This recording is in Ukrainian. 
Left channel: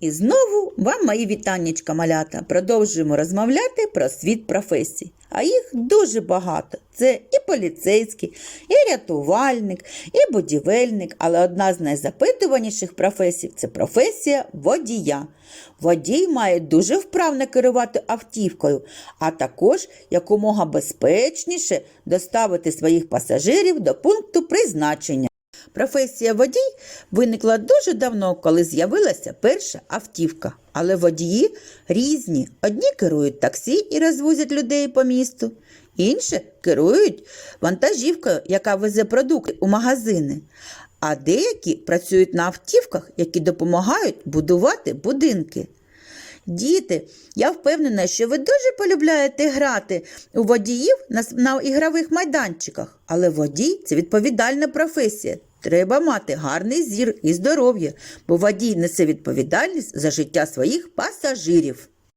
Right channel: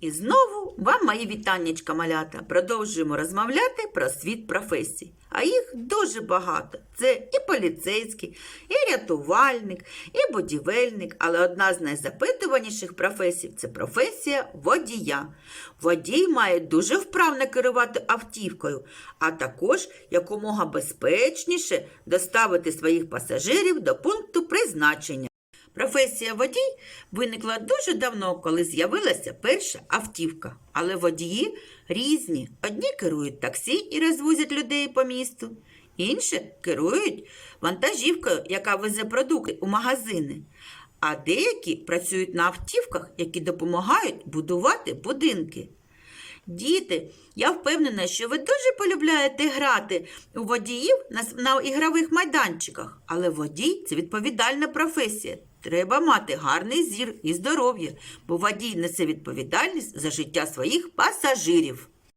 І знову вам мої вітаннячка малята. Продовжуємо розмовляти про світ професій. А їх дуже багато. Це і поліцейський, і рятувальник, і будівельник. Але одна з найзапитуваніших професій це професія водія. Водій має дуже вправно керувати автівкою, а також якомога безпечніше доставити своїх пасажирів до пункту призначення. Професія водій виникла дуже давно, коли з'явилася перша автівка. Але водії різні. Одні керують таксі і розвозять людей по місту, інші керують вантажівкою, яка везе продукти у магазини. А деякі працюють на автівках, які допомагають будувати будинки. Діти, я впевнена, що ви дуже полюбляєте грати у водіїв на, на ігрових майданчиках. Але водій це відповідальна професія. Треба мати гарний зір і здоров'я, бо водій несе відповідальність за життя своїх пасажирів.